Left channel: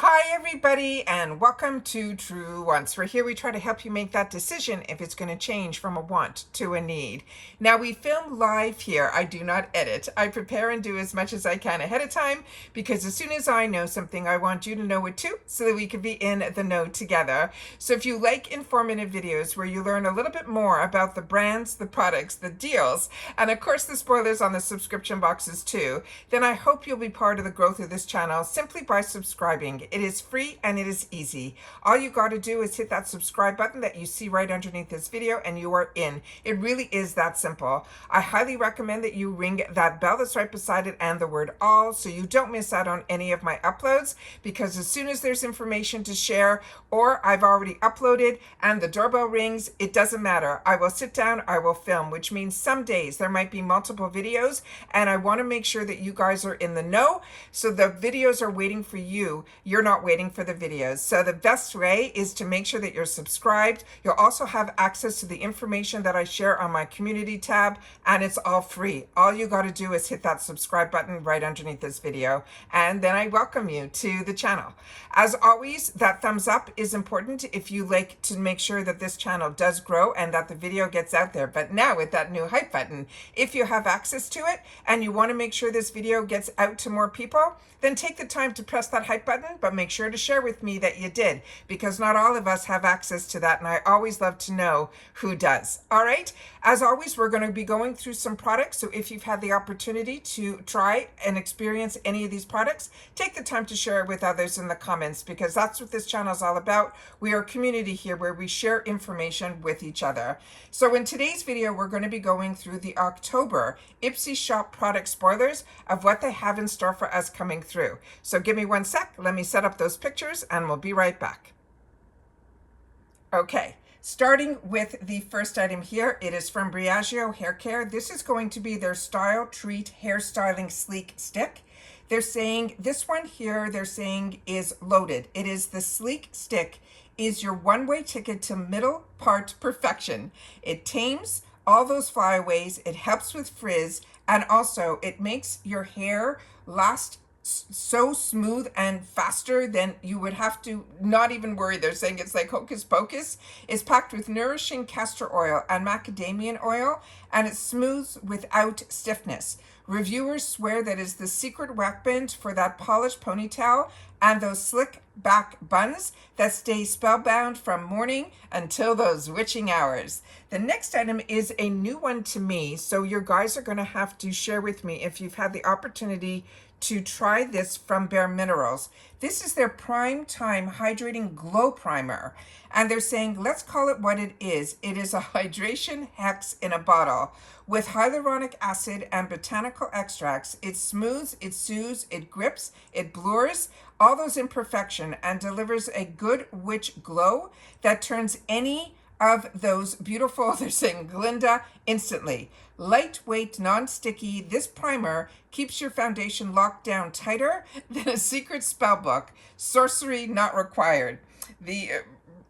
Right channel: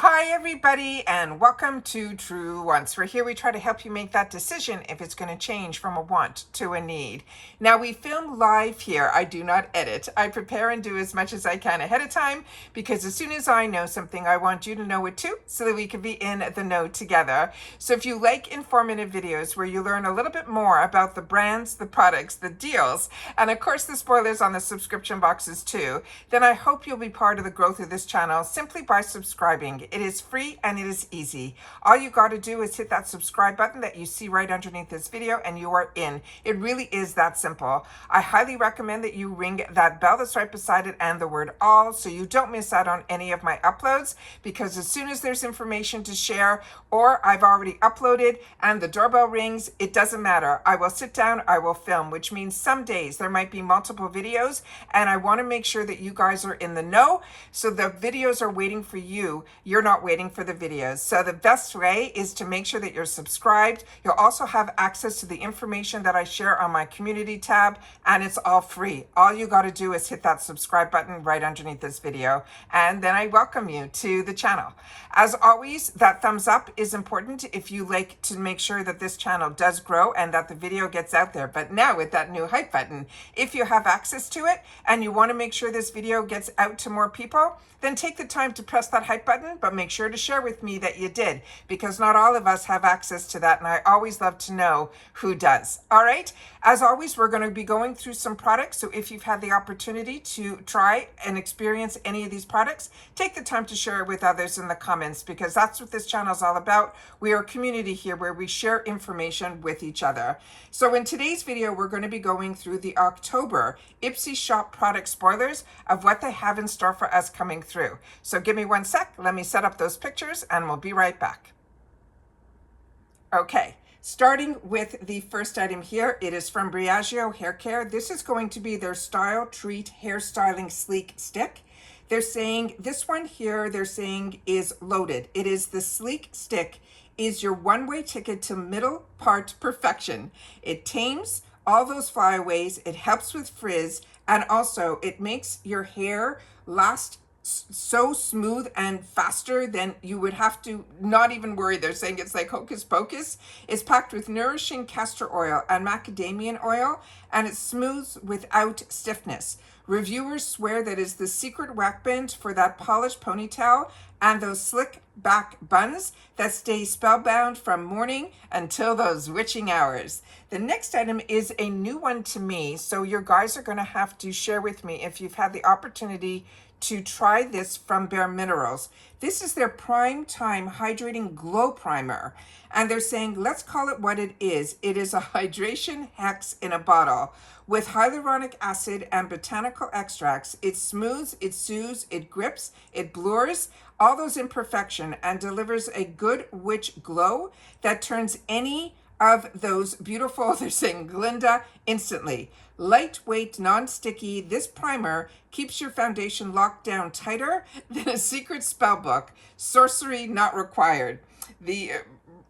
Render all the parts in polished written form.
Hi everybody and welcome to Truewants, where here we try to help you make that decision if it's going to change from a want to a need. Now we film live here. I do not edit. I prepare and do as much as I can ahead of time because as soon as I know something, I want you to know it too so that we can be in the know together. So if you like informative videos where you learn a little bit more about the brands, the products, the deals, and of course the spoilers on the subscription boxes too, then I hope you'll be part of the growth of this channel simply by subscribing. It is free and it is easy. All you got to do is hit that subscribe button that you see right underneath this video and you are in. It really is that simple. I highly recommend that you ring that bell that's right beside it and the word all so you don't miss out on any of my uploads, because as soon as there's information to share or I've already uploaded and the doorbell rings, it doesn't matter. I will sit down, I will film, which means some days there might be multiple videos and I want to make sure that you guys are in the know. So the videos are waiting for you. You're not waiting for the videos. So the best way is to make sure that you're subscribed. You'll also have access to the information that I share on my community tab, and it's all free. All you got to do is hit that subscribe button right underneath this video, and then I welcome you to the channel. As always, that thumbs up is important if you like to make sure that this channel does grow and that the video gets out there. But now with that new hype button, if you have access to it and you want to make sure this video gets out to more people, then take the time to press that hype button, but make sure to share with me that you did, because not all of us have access to that, and I always love to know who does. All right, as always, we're going to be going through some products, so if you've had the opportunity to try and experience any of these products, take the time to share it with others in the comments, because that's what this channel is all about. We are a community here where we share information with each other. So in today's video, we're going to be going through the October IPSY shop product spoilers of what they have in store for us coming through. So give me one sec, let me set up those pictures and we'll be right back. Okay, starting with the first item here, it is from Briogeo Hair Care. This is going to be their Style Treat Hair Styling Sleek Stick. They're saying this one here, they're saying is loaded. It is the Sleek Stick is your one-way ticket to middle part perfection. It tames all those flyaways, it helps with frizz, and also it makes your hair last so smooth and faster than you would have to not even worry. They're saying it's like hocus pocus. It's packed with nourishing castor oil and macadamia oil, and it smooths without stiffness. Reviewers swear that it's the secret whack band for that polished ponytail and those slick back buns that stay spellbound from morning until those witching hours. The next item is a new one to me, so you guys are going to have to share with me if you've had the opportunity to try this from Bare Minerals. This is their Prime Time Hydrating Glow Primer. And they're saying, let's call it what it is. It is a hydration hex in a bottle. With hyaluronic acid and botanical extracts, it smooths, it soothes, it grips, it blurs all those imperfections and delivers a good witch glow that turns any of those beautiful, they're saying, Glinda instantly. Lightweight, non-sticky, this primer keeps your foundation locked down tighter than a secret spell book. Sorcery not required.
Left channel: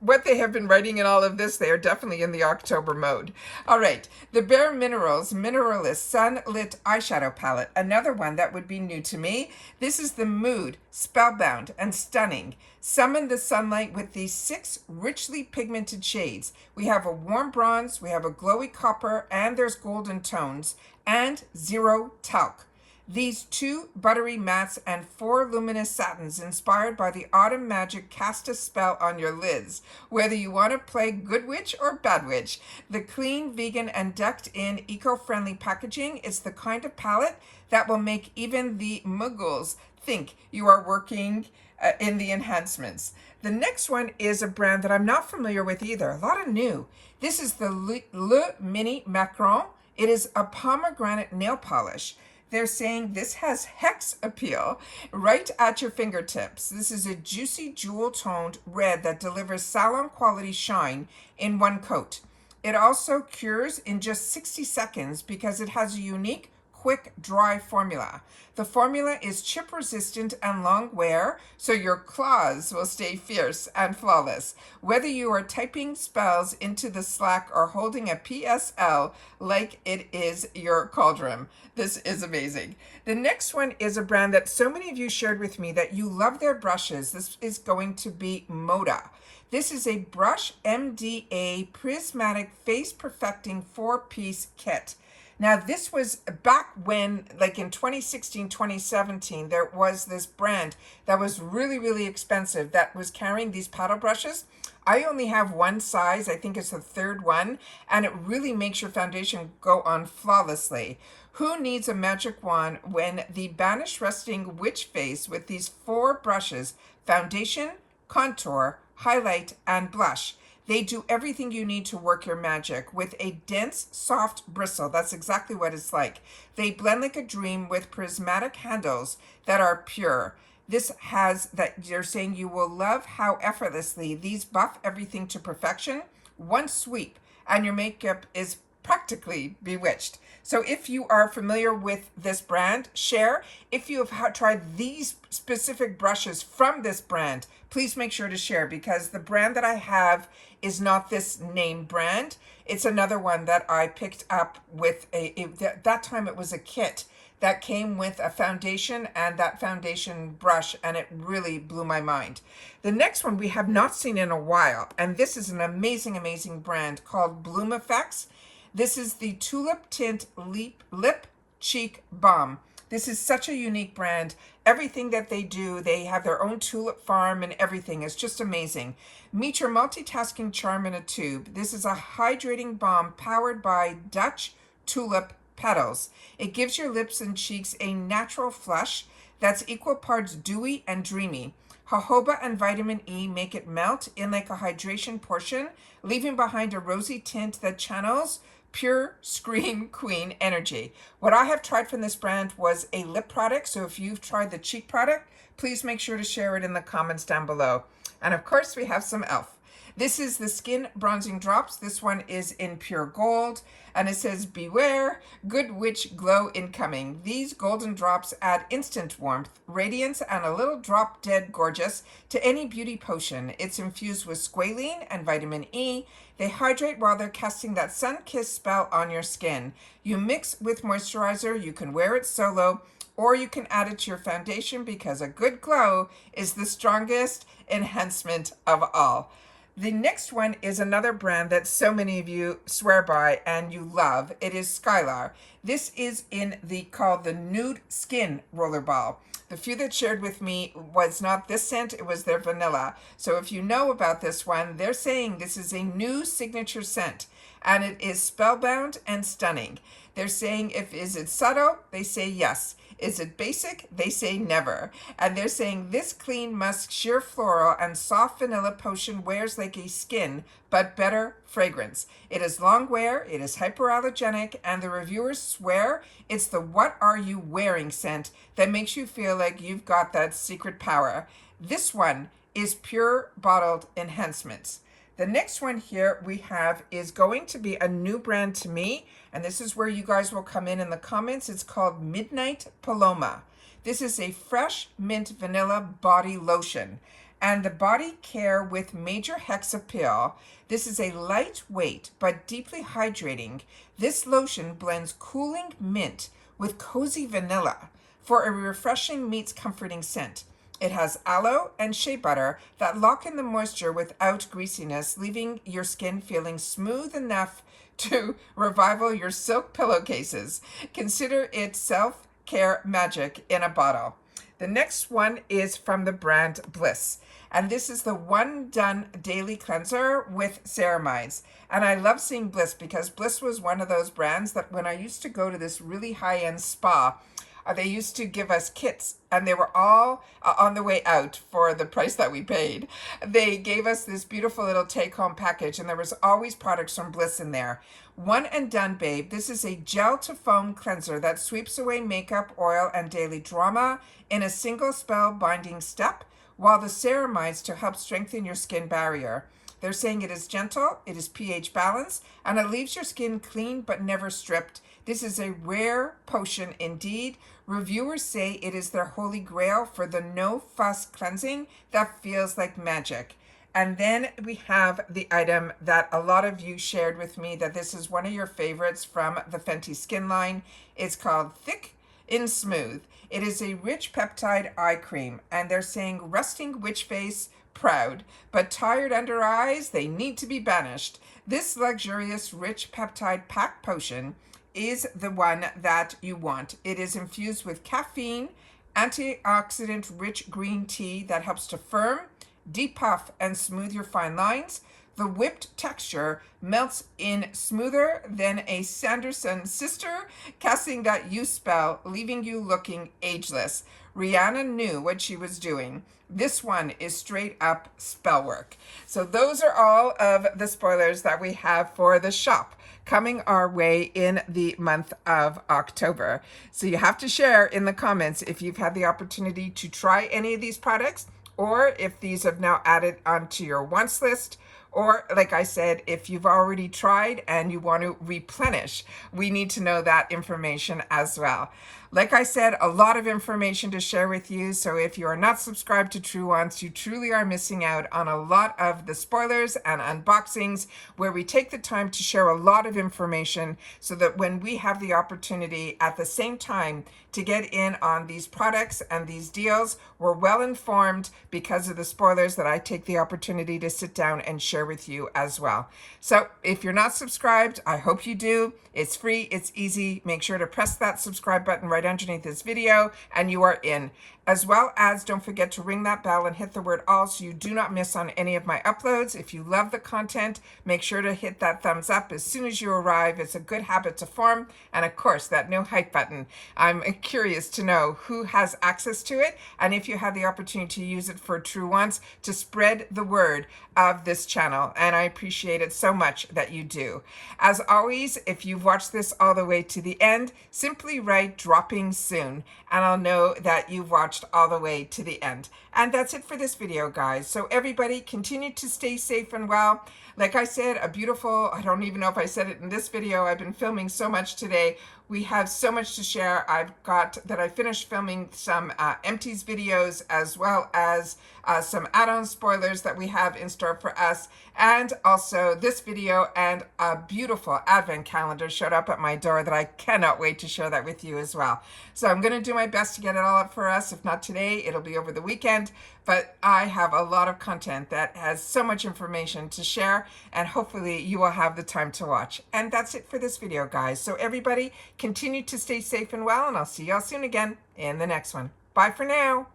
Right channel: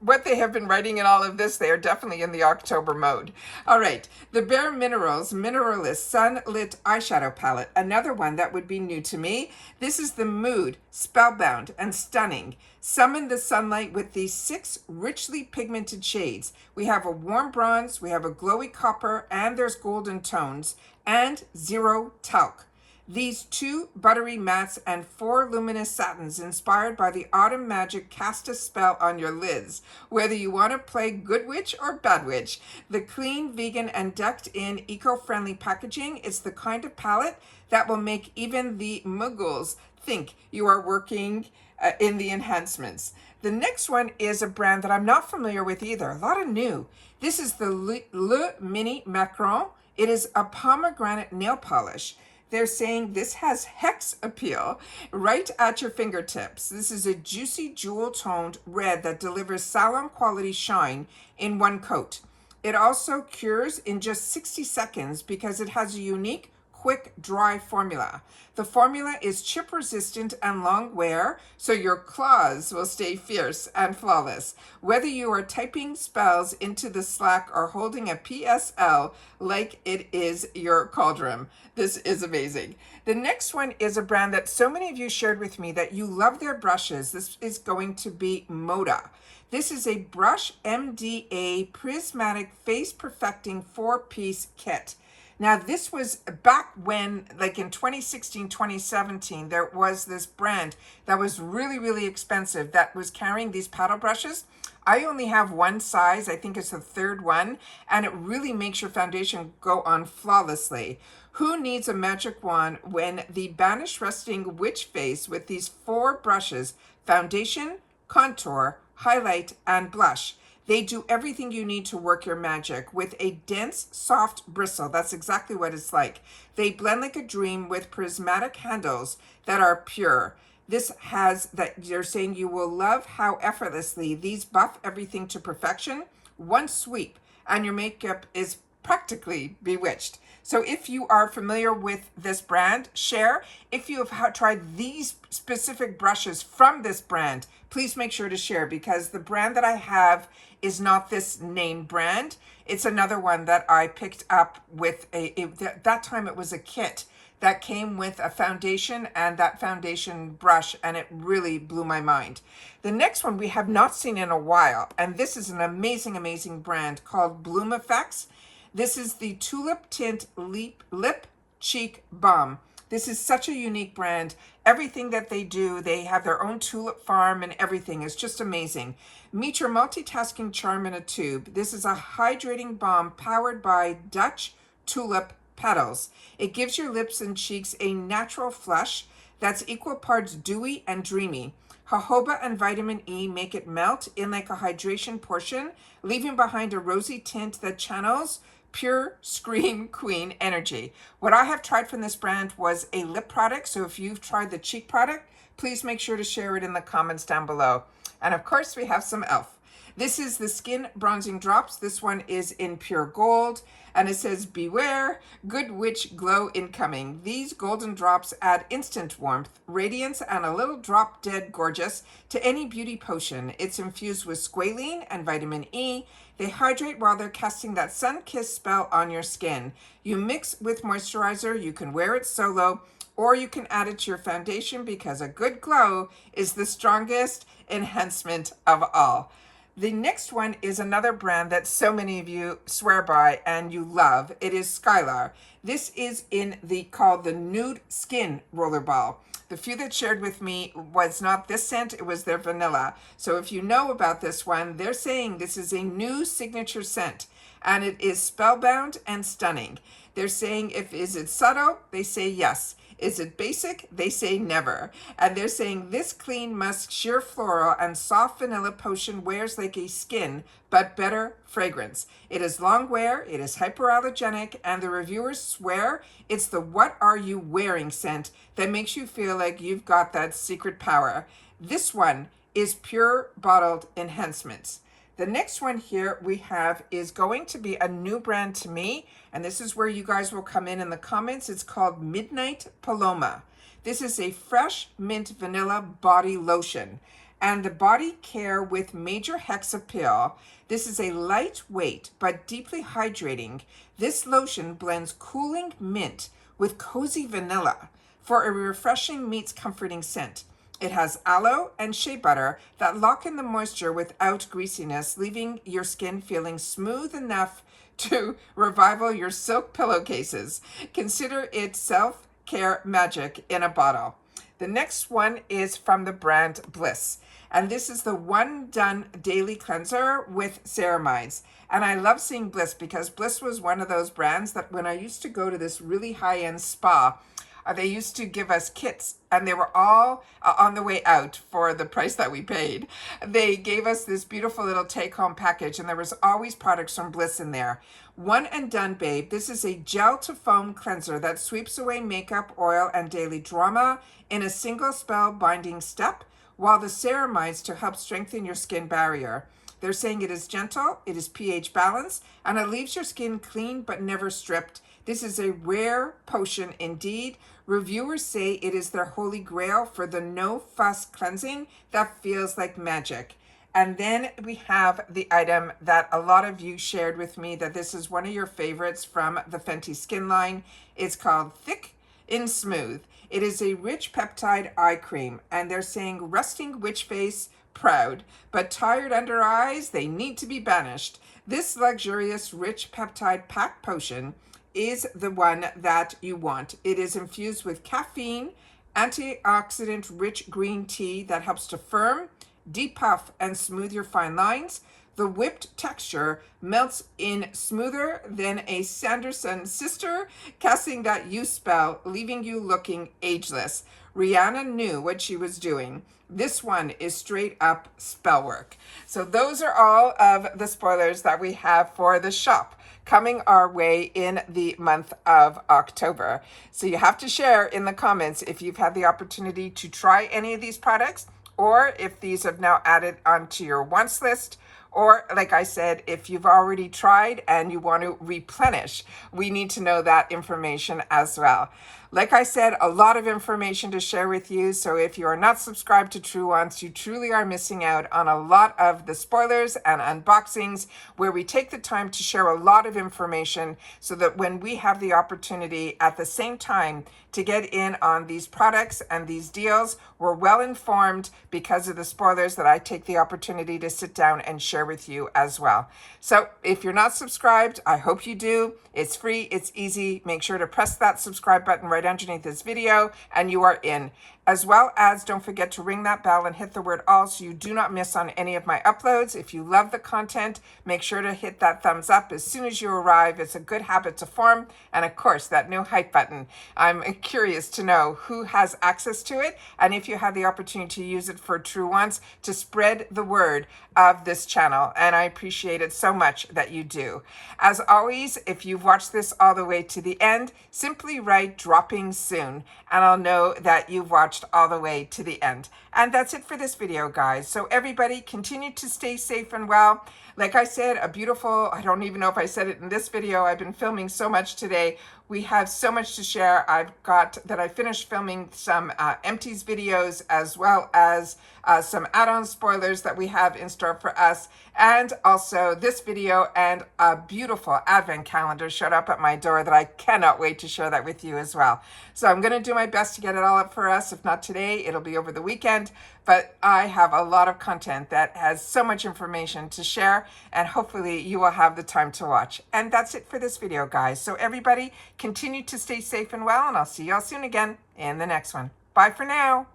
What they have been writing in all of this, they are definitely in the October mode. All right, the Bare Minerals Mineralist Sunlit Eyeshadow Palette, another one that would be new to me. This is the Mood, Spellbound and Stunning. Summon the sunlight with these 6 richly pigmented shades. We have a warm bronze, we have a glowy copper, and there's golden tones, and zero talc. These 2 buttery mattes and 4 luminous satins inspired by the autumn magic cast a spell on your lids. Whether you want to play good witch or bad witch, the clean, vegan, and decked in eco-friendly packaging is the kind of palette that will make even the muggles think you are working in the enhancements. The next one is a brand that I'm not familiar with either. A lot of new. This is the Le Mini Macron. It is a pomegranate nail polish. They're saying this has hex appeal right at your fingertips. This is a juicy jewel-toned red that delivers salon quality shine in one coat. It also cures in just 60 seconds because it has a unique quick dry formula. The formula is chip resistant and long wear, so your claws will stay fierce and flawless. Whether you are typing spells into the Slack or holding a PSL like it is your cauldron. This is amazing. The next one is a brand that so many of you shared with me that you love their brushes. This is going to be Moda. This is a Brush MDA Prismatic Face Perfecting 4-piece kit. Now, this was back when, like in 2016, 2017, there was this brand that was really, really expensive that was carrying these paddle brushes. I only have one size, I think it's the third one, and it really makes your foundation go on flawlessly. Who needs a magic wand when the Banished Resting Witch Face with these 4 brushes, foundation, contour, highlight, and blush. They do everything you need to work your magic with a dense, soft bristle. That's exactly what it's like. They blend like a dream with prismatic handles that are pure. This has that you're saying you will love how effortlessly these buff everything to perfection. One sweep and your makeup is practically bewitched. So if you are familiar with this brand, share. If you have tried these specific brushes from this brand, please make sure to share, because the brand that I have is not this name brand. It's another one that I picked up with that time it was a kit that came with a foundation and that foundation brush, and it really blew my mind. The next one we have not seen in a while, and this is an amazing, amazing brand called Bloom Effects. This is the Tulip Tint Lip Cheek Balm. This is such a unique brand. Everything that they do, they have their own tulip farm and everything. It's just amazing. Meet your multitasking charm in a tube. This is a hydrating balm powered by Dutch tulip petals. It gives your lips and cheeks a natural flush that's equal parts dewy and dreamy. Jojoba and vitamin E make it melt in like a hydration portion, leaving behind a rosy tint that channels pure Scream Queen energy. What I have tried from this brand was a lip product, so if you've tried the cheek product, please make sure to share it in the comments down below. And of course, we have some E.L.F. This is the Skin Bronzing Drops. This one is in pure gold, and it says, beware, good witch glow incoming. These golden drops add instant warmth, radiance, and a little drop dead gorgeous to any beauty potion. It's infused with squalene and vitamin E. They hydrate while they're casting that sun-kissed spell on your skin. You mix with moisturizer, you can wear it solo, or you can add it to your foundation, because a good glow is the strongest enhancement of all. The next one is another brand that so many of you swear by and you love. It is Skylar. This is called the Nude Skin Rollerball. The few that shared with me was not this scent, it was their vanilla. So if you know about this one, they're saying this is a new signature scent, and it is spellbound and stunning. They're saying, is it subtle? They say yes. Is it basic? They say never. And they're saying this clean musk, sheer floral, and soft vanilla potion wears like a skin, but better fragrance. It is long wear, it is hyperallergenic, and the reviewers swear it's the what are you wearing scent that makes you feel like you've got that secret power. This one is pure bottled enhancements. The next one here we have is going to be a new brand to me, and this is where you guys will come in the comments. It's called Midnight Paloma. This is a fresh mint vanilla body lotion, and the body care with major hexa peel. This is a lightweight but deeply hydrating. This lotion blends cooling mint with cozy vanilla for a refreshing meets comforting scent. It has aloe and shea butter that lock in the moisture without greasiness, leaving your skin feeling smooth enough to revival your silk pillowcases. Consider it self-care magic in a bottle. The next one is from the brand Bliss, and this is the One Done Daily Cleanser with ceramides. And I love seeing Bliss because Bliss was one of those brands that when I used to go to this really high-end spa, they used to give us kits, and they were all on the way out for the price that we paid. They gave us this beautiful little take-home package, and there was always products from Bliss in there. One and Done Babe. This is a gel-to-foam cleanser that sweeps away makeup, oil, and daily drama in a single spell binding step, while the ceramides to help strengthen your skin barrier. They're saying it is gentle, it is pH balanced, and it leaves your skin clean but never stripped. This is a rare potion indeed. Reviewers say it is their holy grail for the no-fuss cleansing that feels like magic. And then we have the item that a lot of you shared with me, that this is one of your favorites from the Fenty skin line. It's called Thick and Smooth. It is a rich peptide eye cream, and they're saying resting witch face, proud, but tired under eyes, they need to be banished. This luxurious rich peptide pack potion is the one that you want. It is infused with caffeine, antioxidant rich green tea that helps to firm, depuff, and smooth your fine lines. The whipped texture melts in smoother than a Sanderson sister, casting that you spell, leaving you looking ageless. Rihanna knew what she was doing. This one is straight up spell work. So those are all of the spoilers that we have for the shop coming our way in the month of October. So you have to share in the comments if you've had the opportunity to try any of these products, or if these have now added onto your wants list, or like I said, if you've already tried and you want to replenish, we need to know that information as well. Like I said, a lot of information to share with you. So if you are not subscribed to Truewants, you truly are missing out on a lot of the spoilers and unboxings where we take the time to share a lot of information so that when we have the opportunity at the same time to get in on these products and these deals, we're well informed because of the spoilers that I take the opportunity to sit down and share with you as well. So if you're not subscribed, I hope you do. It's free, it's easy. Make sure to press that subscribe button right underneath this video and you are in. As well as don't forget to ring that bell and hit the word all so you do not miss on any of my uploads. If you love the content, make sure to hit that thumbs up as soon as you arrive. It's a good habit to form. And of course, that no hype button. I'm curious to know who has access to it and if you have the opportunity to use it for Truewants to spread the word of this channel. And I appreciate it so much that you do. As always, if you've watched this all the way to the end, simply write dropping soon and I'll know that you've watched all the way to the end. And that's it for this video, guys. So everybody continue to stay safe and well. Like I said, a beautiful, I don't even know if I said it in this video, I've been filming so much today. We have so much to share. I finished filming some empties videos as well as some add-on spoilers that we have in store for us. And also this video and a beautiful advent calendar showed up at my door that I cannot wait to share that with you as well. So I'm going to do my best to get it all up for us. If not today, it'll be over the weekend. But I have a lot of content that has so much information to share, and hopefully you will have the time to watch. And that's it for this video, guys. So everybody continue to stay safe and well, and I'll see y'all soon again in the next one. Bye for now.